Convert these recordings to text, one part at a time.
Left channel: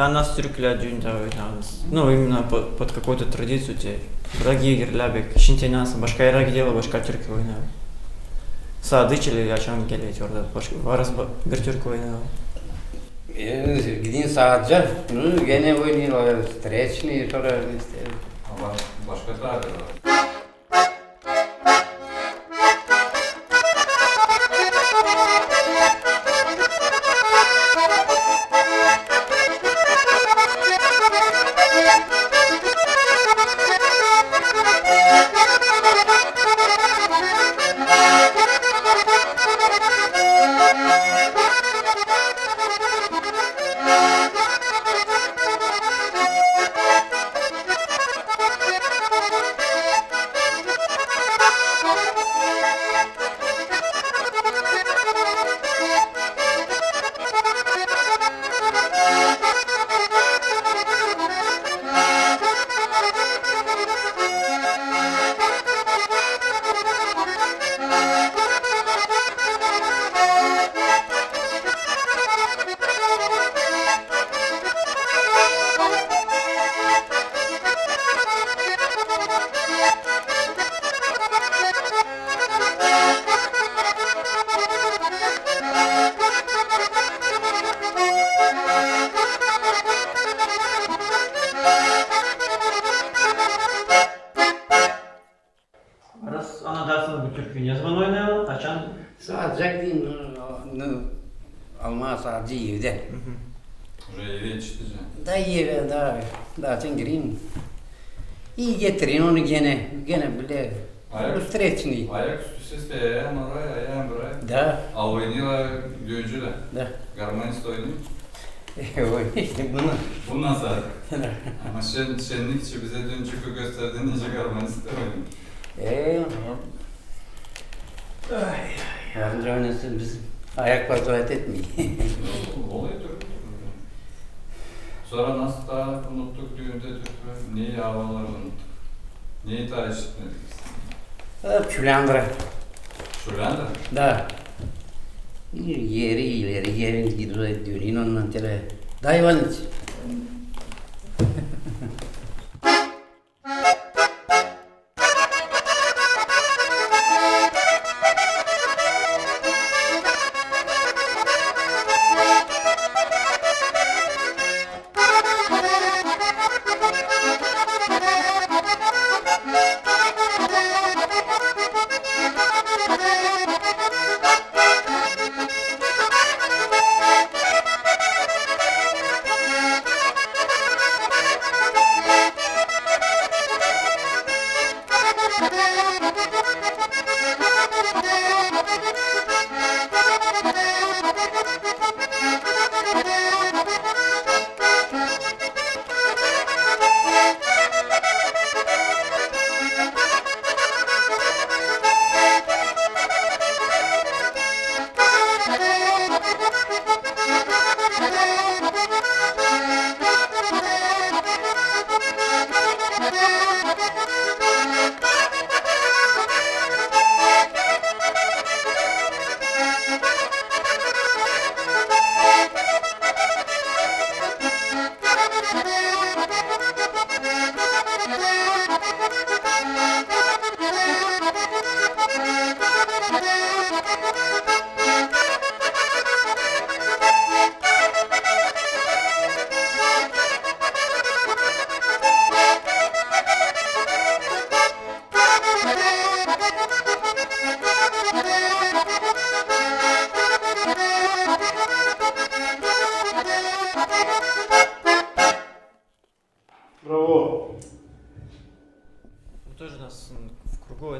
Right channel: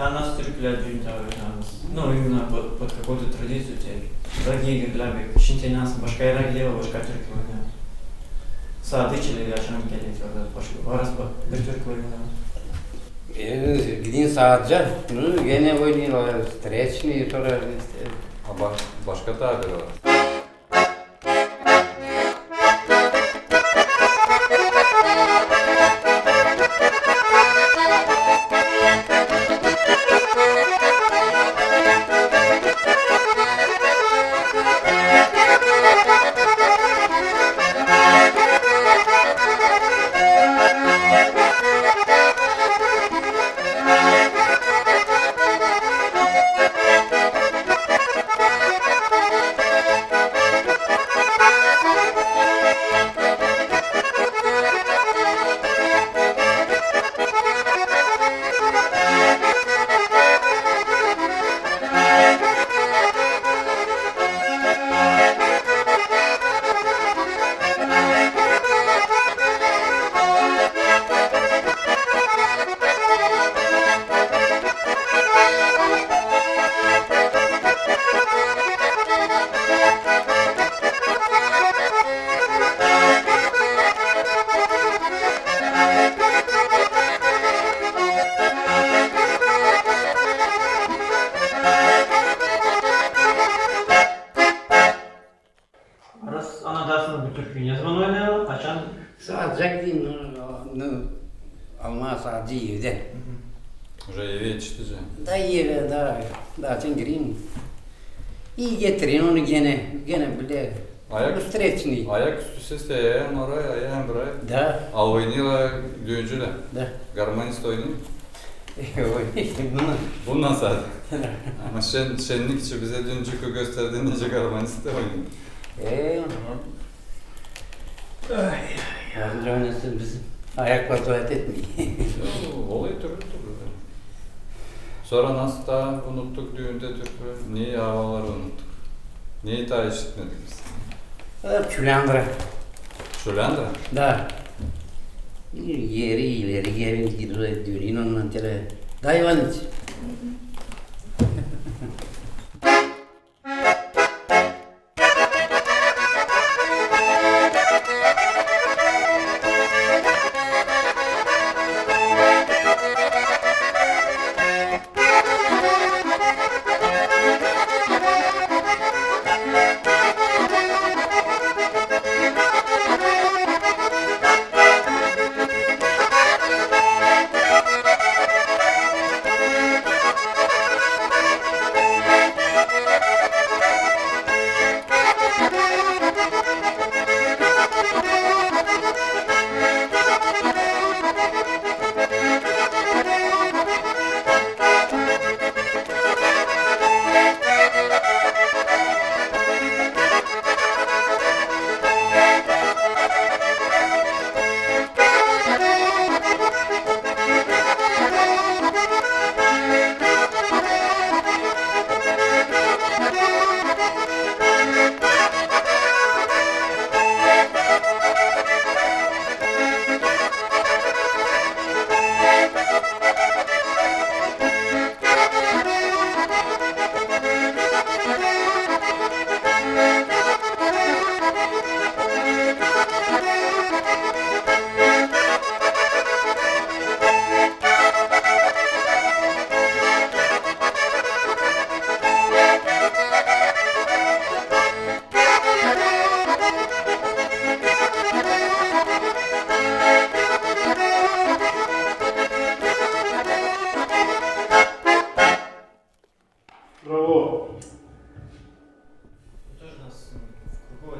Да, нас трюклят дюнтавы, ну, именно под, под какую-то традицию те. Дорогие гирлябик, нас, башка ирак дела, башка тюрки война. Садычили, я а чан гелеть, ордат, башка, варас, гертюрки война. Един э, саджа, ну, гене войны, встречный, тоже. А башка так, Türk'ün yazman oynayan, açan... Sadece gideyim. Alma sadece evde. Buraya eve yetiştireceğim. Da eve daha, daha sen gireyim. İyi getirin onu gene, gene böyle. Ayak, Streçini. ayak üstü ses de ayağın oraya, ayağın buraya. Da. Albayniyle düğüncüyle. Da. Garmanist oynuyor. E, işte bunu. Bundan sadece. Ama şen, şenlik için bize dün Çukur gösterdiğin nice garmanist de oynuyor. Eee. Tamam. Yardımcı oynasın bizim. Ayakla tuvalet etmeyin. Oluyor türlü türlü. Sonra nasıl daha unuttuk düğünde türküler? Niye havaları unuttuk? Niye daha işitmedik biz? Hep de. Da. Yeri ileri geri gidiyor dönün ondan tele. Dayvan iç. Thank you.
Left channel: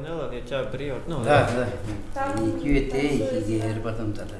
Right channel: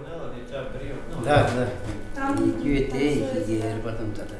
oynarlar geçer biri şey yok. Ne olur? Da, da. Iki öte, iki diğer batımda da.